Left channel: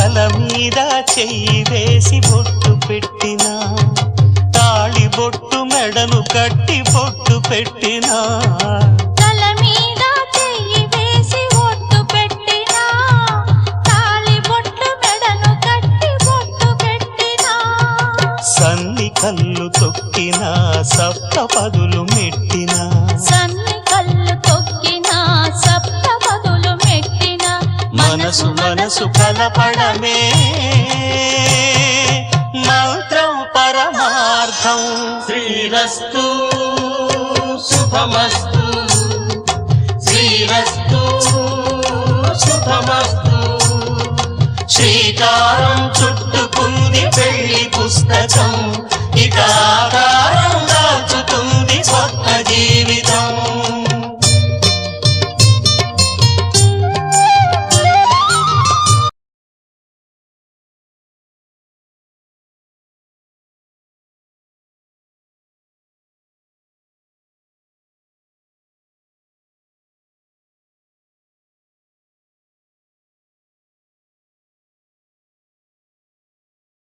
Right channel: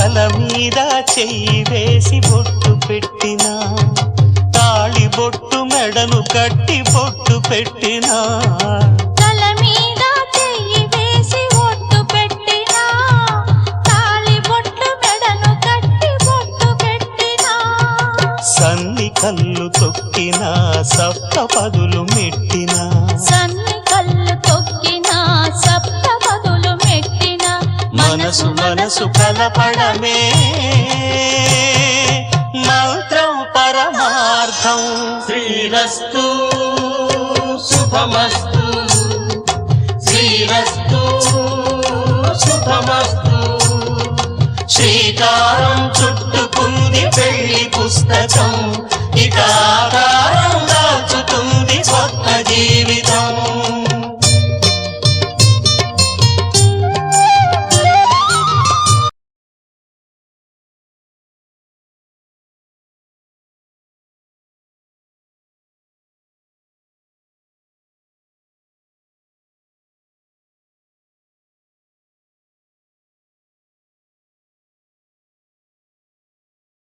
తల మీద చెయ్యి వేసి బొట్టు పెట్టినా, తాళి బొట్టు మెడను కట్టి బొట్టు పెట్టినా, తల మీద చెయ్యి వేసి బొట్టు పెట్టినా, తాళి బొట్టు మెడను కట్టి బొట్టు పెట్టినా, సన్ని కళ్ళు తొక్కినా సప్త పదులు మెట్టినా, సన్ని కళ్ళు తొక్కినా సప్త పదులు మెట్టినా, మనసు మనసు కలపడమే మంత్రం పరమార్థం. శ్రీరస్తు శుభమస్తు, శ్రీరస్తు శుభమస్తు. శ్రీకారం చుట్టుకుంది పెళ్లి పుస్తకం, ఇక ఆకారం దాచుతుంది కొత్త జీవితం.